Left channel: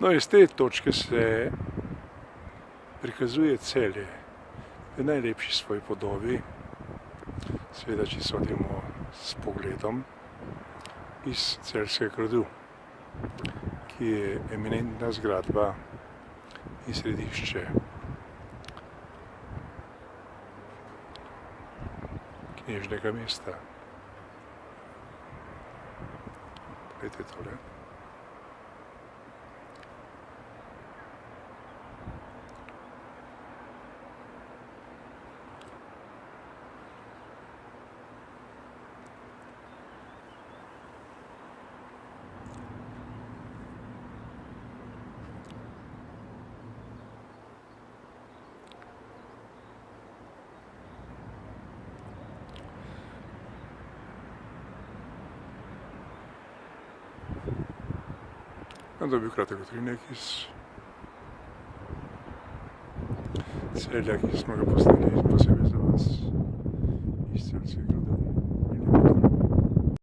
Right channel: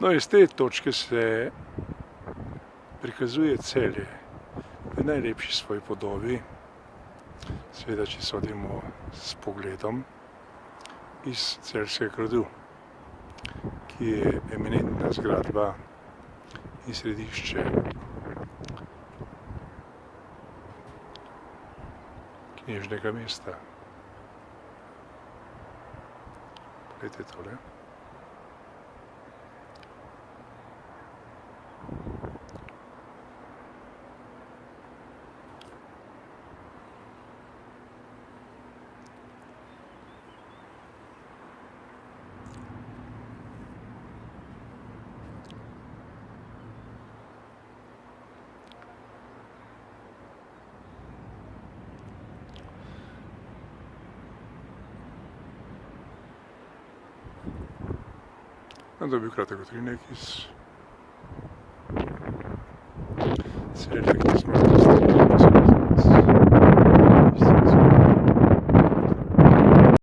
No, iz te točke se prikazuje Celje v najlepši svoji podobi, seveda, če sodimo s pogledom iz Celjskega gradu, ki je eminentna zgradba in središče knežjega mesta. Poglejte tole. To je bil kratek utrinek iz Celja, ki smo ga postavili posebej za vas.